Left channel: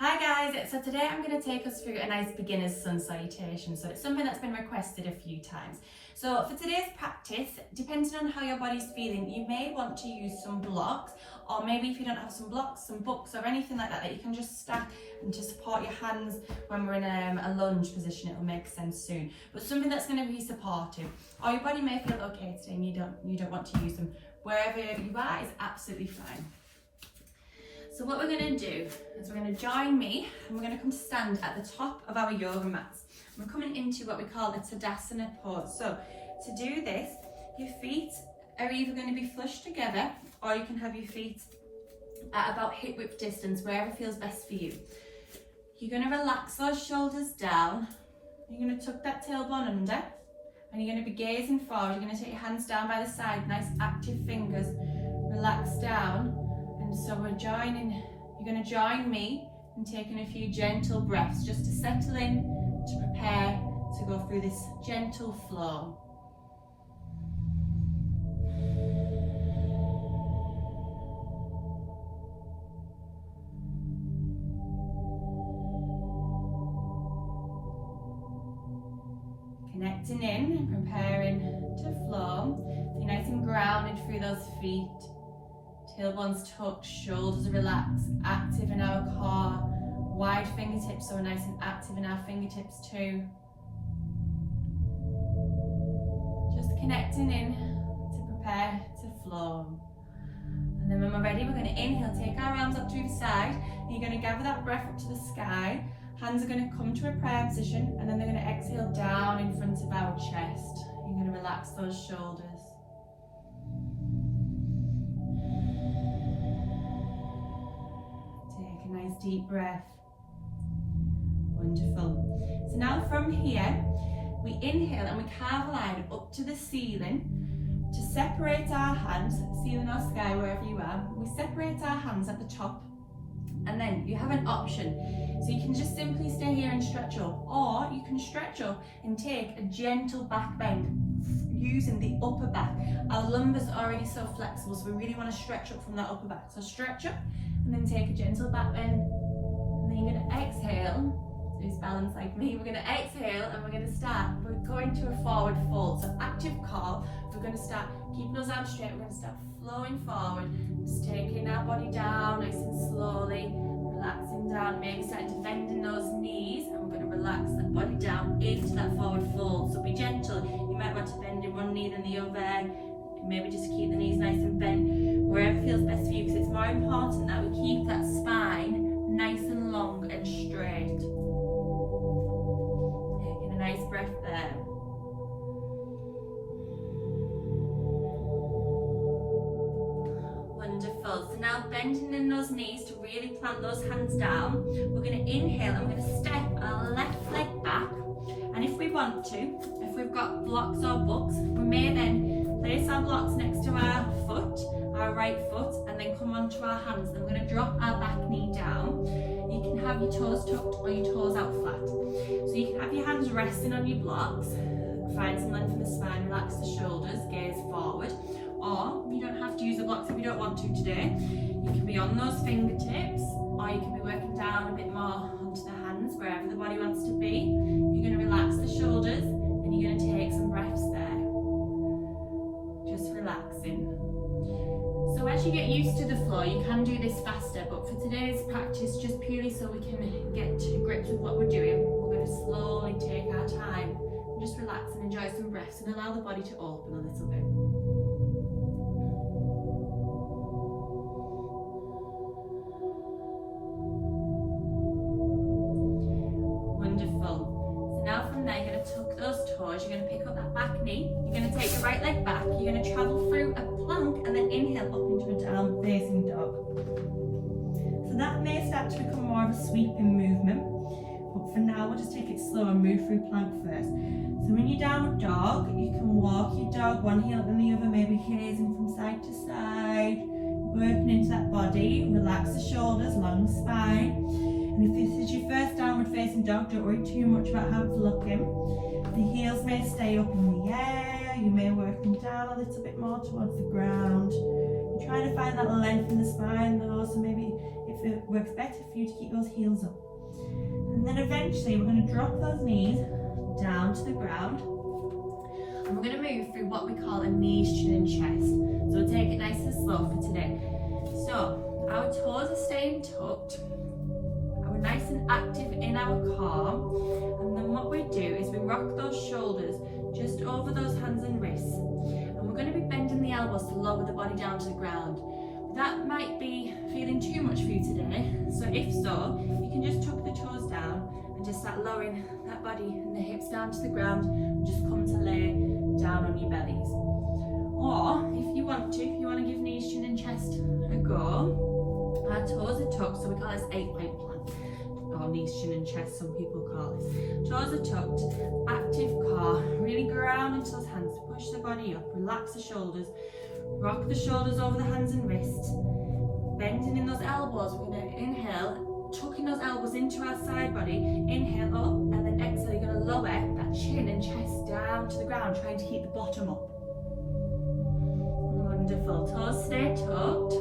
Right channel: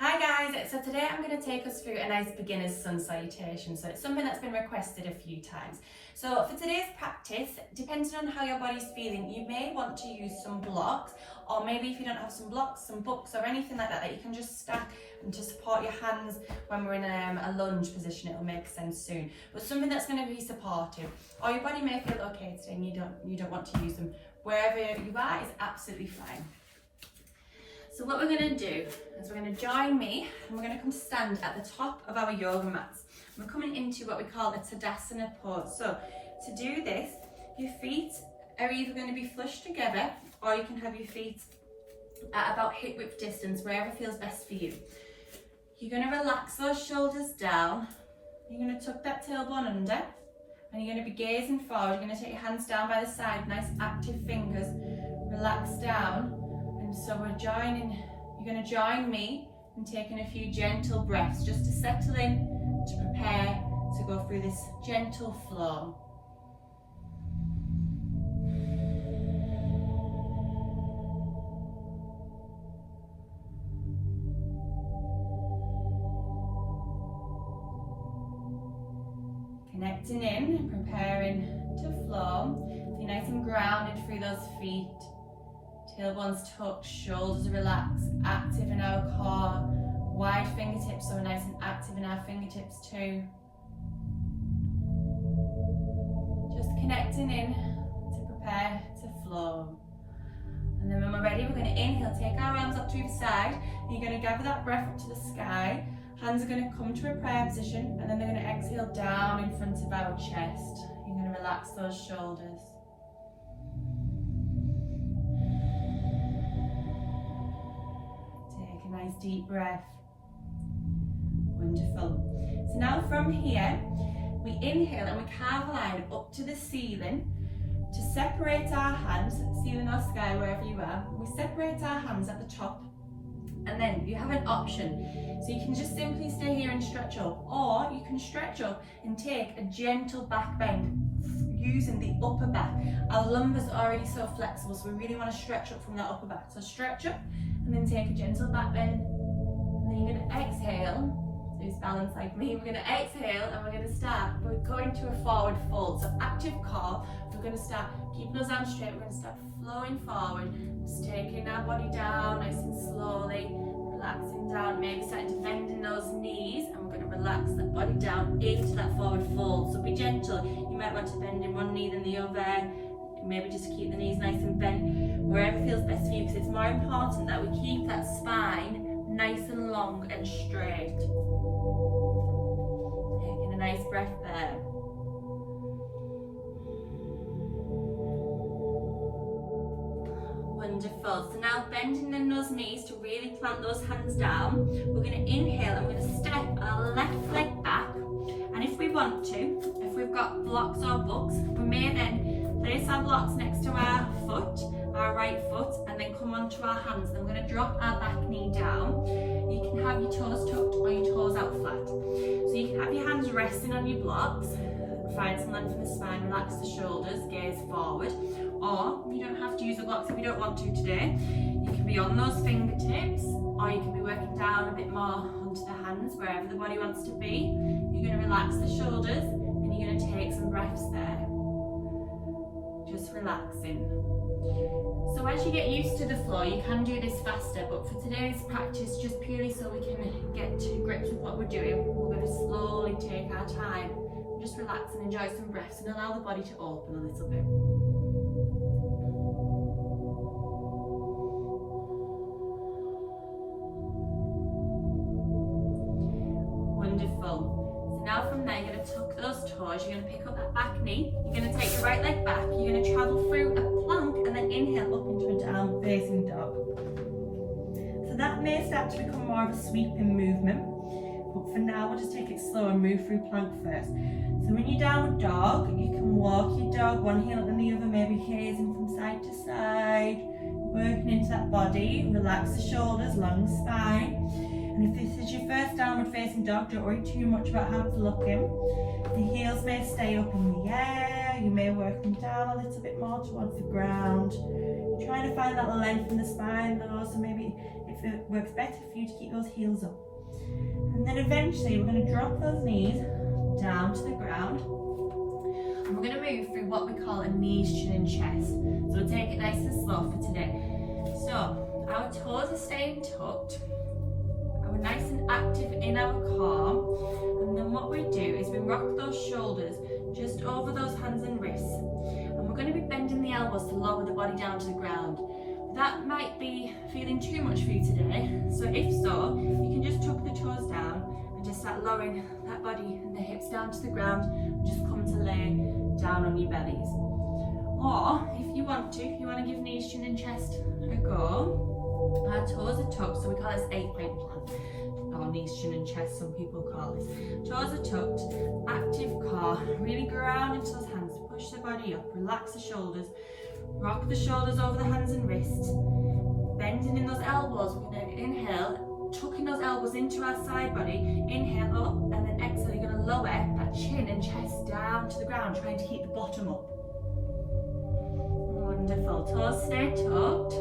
Hi guys, so today I'm going to take us through a nice beginner's sun salutation. So it's something that's been requested a few times. So for today's practice, depending on how your body's feeling, you may want to use some blocks, or maybe if you don't have some blocks, some books or anything like that you can just stack and to support your hands when we're in a lunge position. It'll make sense soon. But something that's going to be supportive. Or your body may feel okay today and you don't want to use them. Wherever you are is absolutely fine. So what we're going to do is we're going to join me and we're going to come to stand at the top of our yoga mats. We're coming into what we call a Tadasana pose. So to do this, your feet are either going to be flush together or you can have your feet at about hip width distance, wherever feels best for you. You're going to relax those shoulders down. You're going to tuck that tailbone under and you're going to be gazing forward. You're going to take your hands down by the side, nice active fingers, relax down. And so you're going to join me in taking a few gentle breaths just to settle in, to prepare to go through this gentle flow. Connecting in, preparing to flow. So you're nice and grounded through those feet. Tailbone's tucked, shoulders relaxed, active in our core, wide fingertips, so we're nice and active in our fingertips too. Just connecting in to prepare to flow. And then when we're ready, we're going to inhale, take our arms up to the side, and you're going to gather that breath up to the sky. Hands are going to come to a prayer position, and then they're going to exhale down in front of our chest. You're going to relax those shoulders. Take a nice deep breath. Wonderful. So now from here, we inhale and we carve a line up to the ceiling to separate our hands, ceiling or sky, wherever you are. We separate our hands at the top, and then you have an option. So you can just simply stay here and stretch up, or you can stretch up and take a gentle back bend using the upper back. Our lumbar's already so flexible, so we really want to stretch up from that upper back. So stretch up and then take a gentle back bend, and then you're going to exhale. So just balance like me. We're going to exhale and we're going to start. We're going to a forward fold. So active core. We're going to start keeping those arms straight. We're going to start flowing forward, just taking our body down nice and slowly, relaxing down, maybe starting to bend in those knees, and we're going to relax that body down into that forward fold. So be gentle. You might want to bend in one knee than the other. Maybe just keep the knees nice and bent wherever feels best for you, because it's more important that we keep that spine nice and long and straight. Taking a nice breath there. Wonderful. So now bending in those knees to really plant those hands down. We're going to inhale and we're going to step our left leg back. And if we want to, if we've got blocks or books, we may then place our blocks next to our foot, our right foot, and then come onto our hands. Then we're going to drop our back knee down. You can have your toes tucked or your toes out flat. So you can have your hands resting on your blocks. Find some length in the spine, relax the shoulders, gaze forward. Or you don't have to use the blocks if you don't want to today. You can be on those fingertips, or you can be working down a bit more onto the hands, wherever the body wants to be. You're going to relax the shoulders and you're going to take some breaths there. Just relaxing. So as you get used to the flow, you can do this faster, but for today's practice, just purely so we can get to grips with what we're doing, we're going to slowly take our time. Just relax and enjoy some breaths and allow the body to open a little bit. Wonderful. So now from there, you're going to tuck those toes, you're going to pick up that back knee, you're going to take your right leg back, you're going to travel through a plank and then inhale up into a down facing dog. So that may start to become more of a sweeping movement, but for now we'll just take it slow and move through plank first. So when you're downward dog, you can walk your dog one heel and the other, maybe gazing from side to side, working into that body. Relax the shoulders, long spine. And if this is your first downward facing dog, don't worry too much about how it's looking. The heels may stay up in the air, you may work them down a little bit more towards the ground. I'm trying to find that length in the spine though, so maybe if it works better for you to keep those heels up. And then eventually we're going to drop those knees down to the ground. And we're going to move through what we call a knees, chin and chest. So we'll take it nice and slow for today. So our toes are staying tucked. We're nice and active in our core. And then what we do is we rock those shoulders just over those hands and wrists. And we're going to be bending the elbows to lower the body down to the ground. That might be feeling too much for you today. So if so, you can just tuck the toes down and just start lowering that body and the hips down to the ground and just come to lay down on your bellies. Or if you want to give knees, chin and chest a go, our toes are tucked, so we call this 8-point plan. Or knees, chin and chest, some people call this. Toes are tucked, active core, really ground into those hands, push the body up, relax the shoulders, rock the shoulders over the hands and wrists, bending in those elbows. We're going to inhale, tucking those elbows into our side body, inhale up, and then exhale, you're going to lower that chin and chest down to the ground, trying to keep the bottom up. Wonderful, toes stay tucked,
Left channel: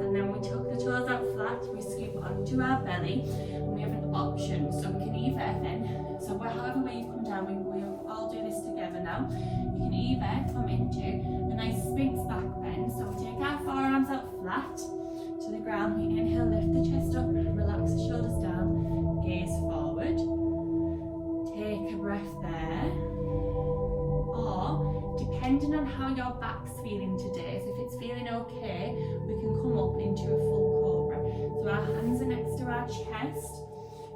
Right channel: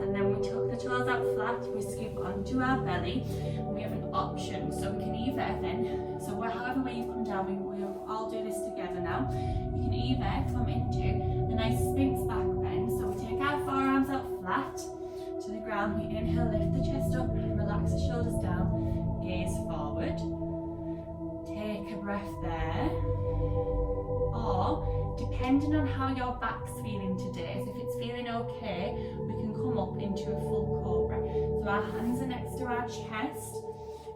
and then we tuck the toes out flat, we scoop onto our belly, and we have an option, so we can either then, so however way you come down, we'll all do this together now. You can either come into a nice Sphinx back bend, so we take our forearms out flat to the ground, we inhale, lift the chest up, relax the shoulders down, gaze forward, take a breath there, or depending on how your back's feeling today, so if it's feeling okay, we can come up into a full cobra. So our hands are next to our chest,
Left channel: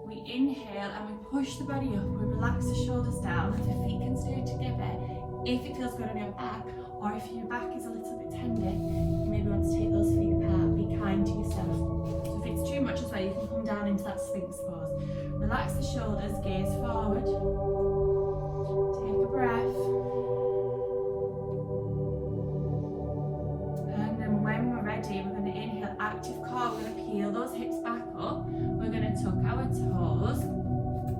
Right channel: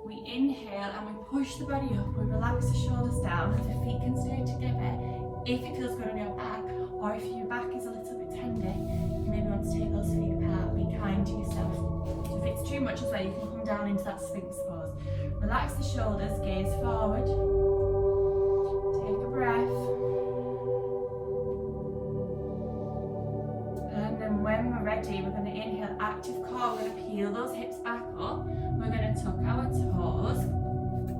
we inhale and we push the body up, we relax the shoulders down, the feet can stay together if it feels good on your back, or if your back is a little bit tender, you maybe want to take those feet apart, be kind to yourself. So if it's too much as well, you can come down into that Sphinx pose. Relax the shoulders, gaze forward, take a breath. When we're ready, we're going to inhale, active core, we're going to peel those hips back up, we're going to tuck our toes,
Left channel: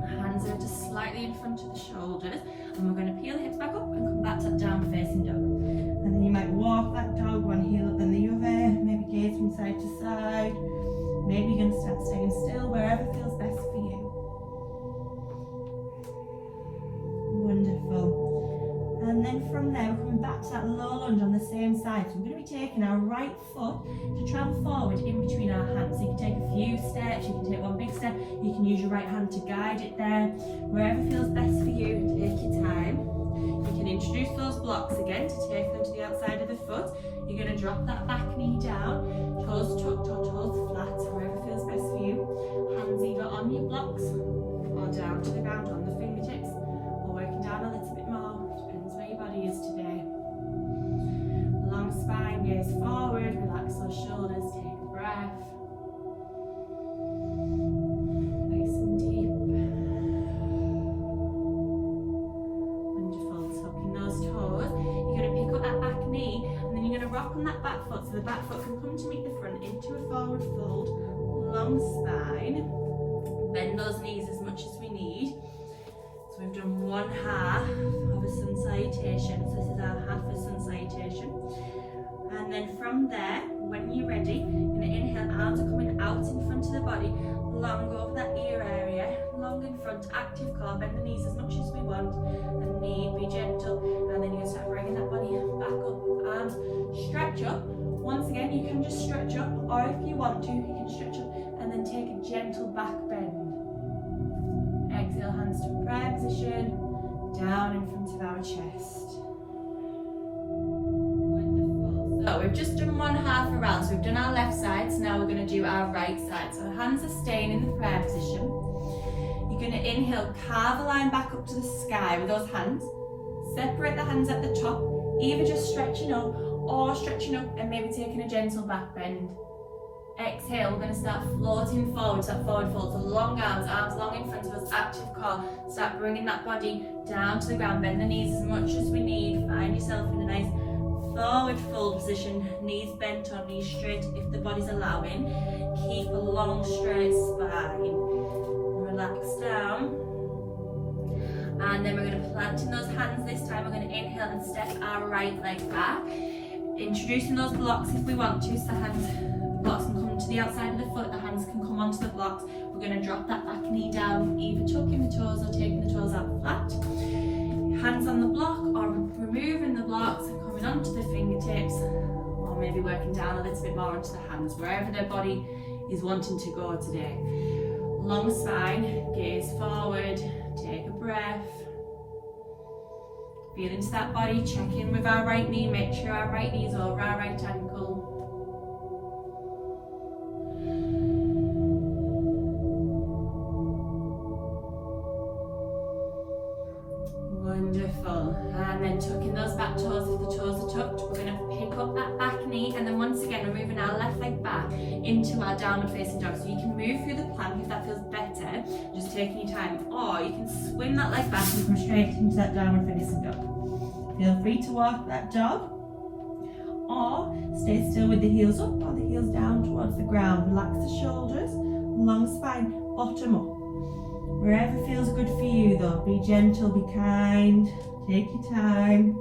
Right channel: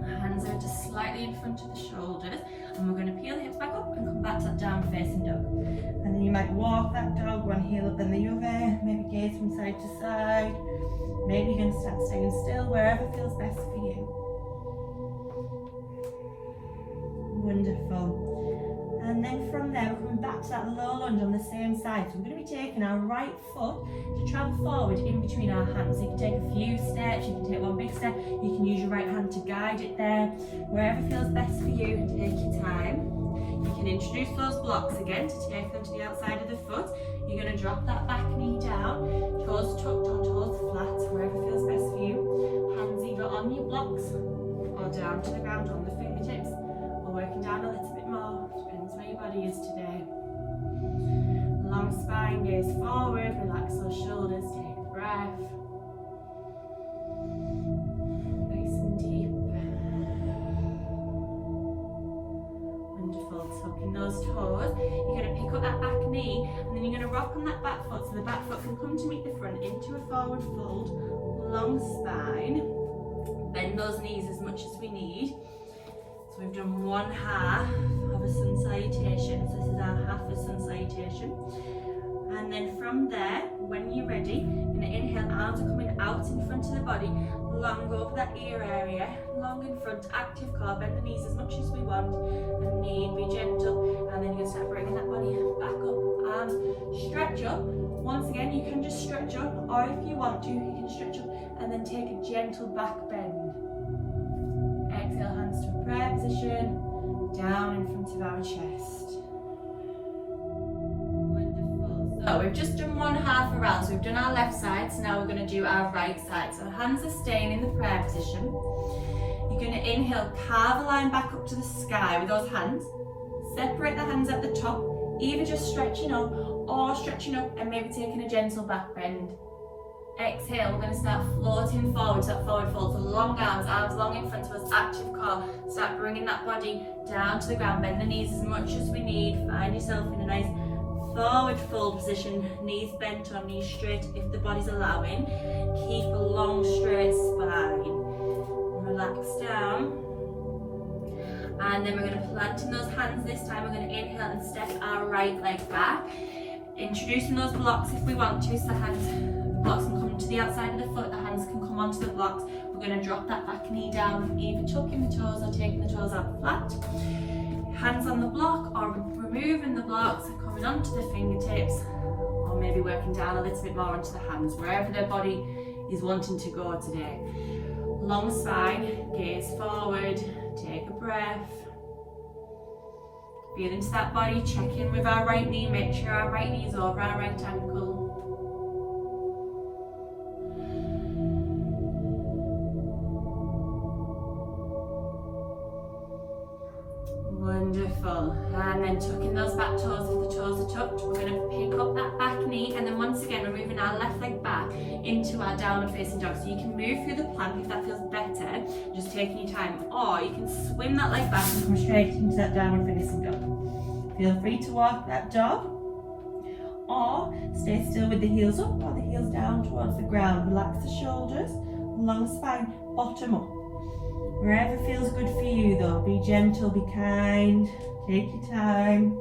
hands are just slightly in front of the shoulders, and we're going to peel the hips back up and come back to that down facing dog. And then you might walk that dog, one heel up then the other, maybe gaze from side to side, maybe you're going to start staying still, wherever feels best for you. Wonderful. And then from there, we're coming back to that low lunge on the same side. So we're going to be taking our right foot to travel forward in between our hands. So you can take a few steps, you can take one big step, you can use your right hand to guide it there. Wherever feels best for you, take your time. You can introduce those blocks again to take them to the outside of the foot. You're going to drop that back knee down, toes tucked or toes flat, wherever feels best for you. Hands either on your blocks or down to the ground on the fingertips, or working down a little bit more. Depends where your body is today. Long spine, gaze forward, relax those shoulders, take a breath. Nice and deep. Wonderful, tucking those toes. You're going to pick up that back knee and then you're going to rock on that back foot so the back foot can come to meet the front into a forward fold. Long spine. Bend those knees as much as we need. So we've done one half of a sun salutation. So this is our half a sun salutation. And then from there, when you're ready, you're going to inhale, arms are coming out in front of the body, long over that ear area, long in front, active core, bend the knees as much as we want, and knee, be gentle, and then you're going to start bringing that body back up, arms stretch up. Once again, you can just stretch up, or if you want to, you can stretch up, and then take a gentle back bend. Exhale, hands to prayer position, down in front of our chest. Wonderful. So we've just done one half around, so we've done our left side, so now we're going to do our right side. So the hands are staying in the prayer position. You're going to inhale, carve a line back up to the sky with those hands. Separate the hands at the top, either just stretching up or stretching up and maybe taking a gentle back bend. Exhale, we're going to start floating forward, so that forward fold, so long arms long in front of us, active core. Start bringing that body down to the ground, bend the knees as much as we need. Find yourself in a nice forward fold position, knees bent or knees straight if the body's allowing. Keep a long straight spine. Relax down. And then we're going to plant in those hands this time. We're going to inhale and step our right leg back. Introducing those blocks if we want to, so the blocks can come to the outside of the foot, the hands can come onto the blocks. We're going to drop that back knee down, either tucking the toes or taking the toes out flat. Hands on the block, or removing the blocks and coming onto the fingertips, or maybe working down a little bit more onto the hands, wherever their body is wanting to go today. Long spine, gaze forward, take a breath. Feel into that body, check in with our right knee, make sure our right knee is over our right ankle. Wonderful. And then tucking those back toes if the toes are tucked. We're going to pick up that back knee, and then once again we're moving our left leg back into our downward facing dog. So you can move through the plank if that feels better, just taking your time, or you can swing that leg back and come straight into that downward facing dog. Feel free to walk that dog, or stay still with the heels up or the heels down towards the ground. Relax the shoulders, long spine, bottom up. Wherever feels good for you though, be gentle, be kind, take your time.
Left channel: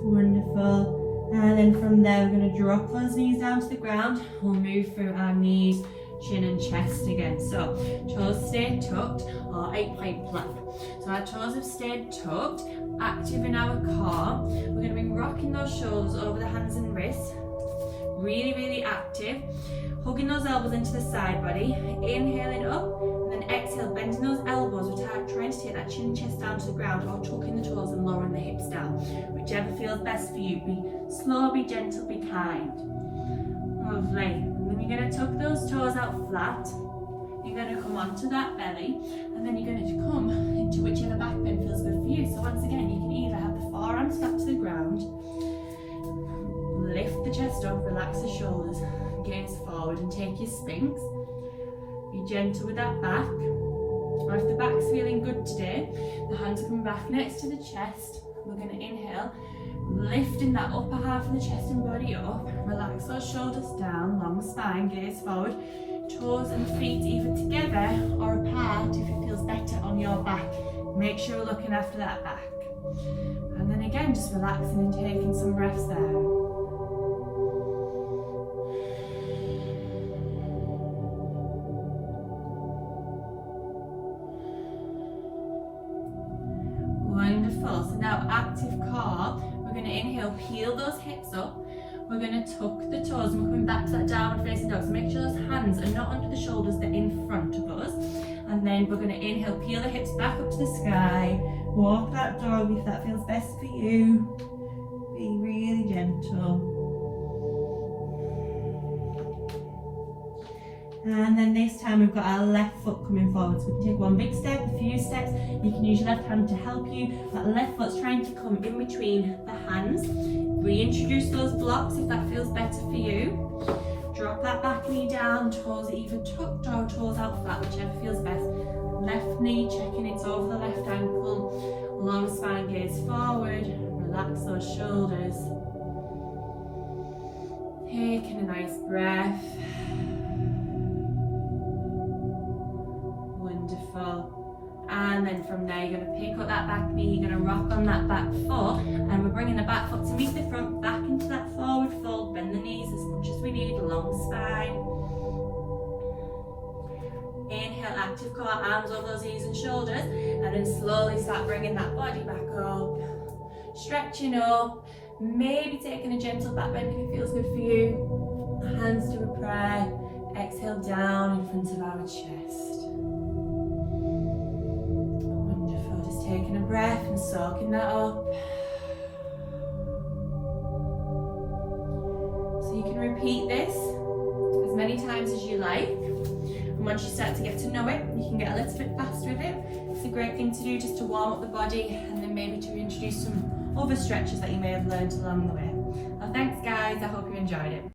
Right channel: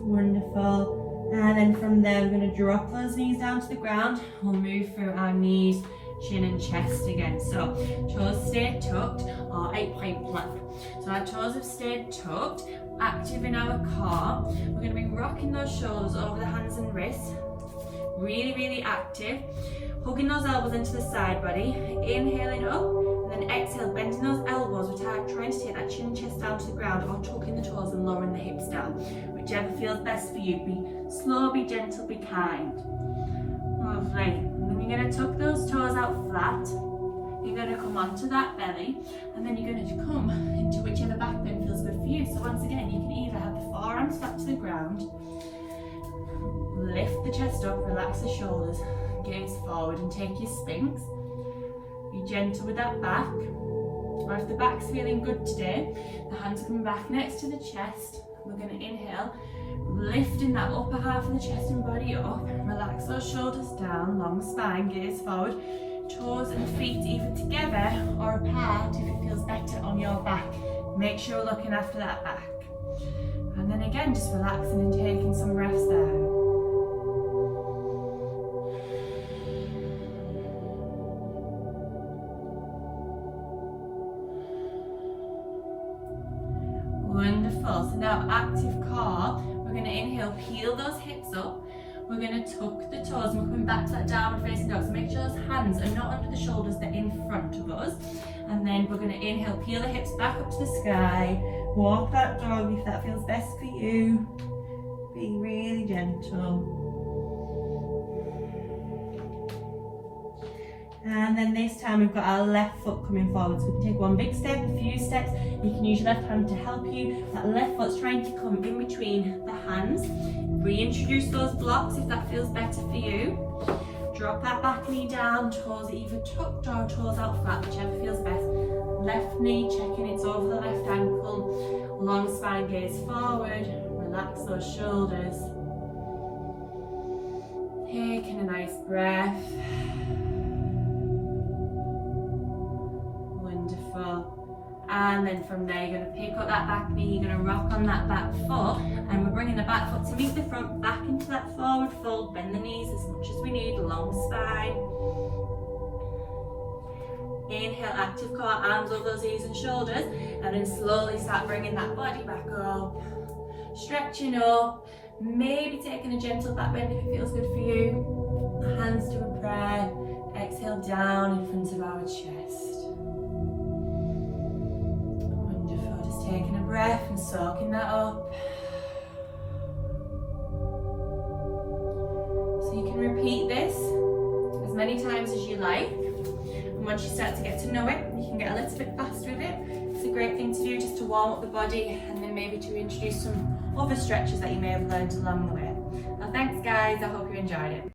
Wonderful. And then from there we're going to drop those knees down to the ground. We'll move through our knees, chin and chest again. So toes stay tucked, or 8-point plank. So our toes have stayed tucked, active in our core. We're going to be rocking those shoulders over the hands and wrists. Really, really active. Hugging those elbows into the side body. Inhaling up. And then exhale, bending those elbows. We're trying to take that chin and chest down to the ground, or tucking the toes and lowering the hips down. Whichever feels best for you. Be slow, be gentle, be kind. Lovely. And then you're going to tuck those toes out flat. You're going to come onto that belly, and then you're going to come into whichever back bend feels good for you. So once again, you can either have the forearms back to the ground, lift the chest up, relax the shoulders, gaze forward and take your Sphinx. Be gentle with that back. Or if the back's feeling good today, the hands are coming back next to the chest. We're going to inhale, lifting that upper half of the chest and body up. Relax those shoulders down, long spine, gaze forward. Toes and feet either together or apart if it feels better on your back. Make sure you're looking after that back. And then again, just relaxing and taking some breaths there. Wonderful. So now active core. We're going to inhale, peel those hips up. We're going to tuck the toes, and we're coming back to that downward facing dog. So make sure those hands are not under the shoulders, they're in front of us. And then we're going to inhale, peel the hips back up to the sky. Walk that dog if that feels best for you. Be really gentle. And then this time we've got our left foot coming forward. So we can take one big step, a few steps. You can use your left hand to help you. That left foot's trying to come in between the hands. Reintroduce those blocks if that feels better for you. Drop that back knee down, toes either tucked or toes out flat, whichever feels best. Left knee, checking it's over the left ankle. Long spine, gaze forward. Relax those shoulders. Taking a nice breath. Wonderful. And then from there you're going to pick up that back knee, you're going to rock on that back foot, and we're bringing the back foot to meet the front, back into that forward fold, bend the knees as much as we need, long spine. Inhale, active core, arms over those knees and shoulders, and then slowly start bringing that body back up, stretching up, maybe taking a gentle back bend if it feels good for you. Hands to a prayer, exhale down in front of our chest. Taking a breath and soaking that up. So you can repeat this as many times as you like. And once you start to get to know it, you can get a little bit faster with it. It's a great thing to do just to warm up the body, and then maybe to introduce some other stretches that you may have learned along the way. Well, thanks guys, I hope you enjoyed it.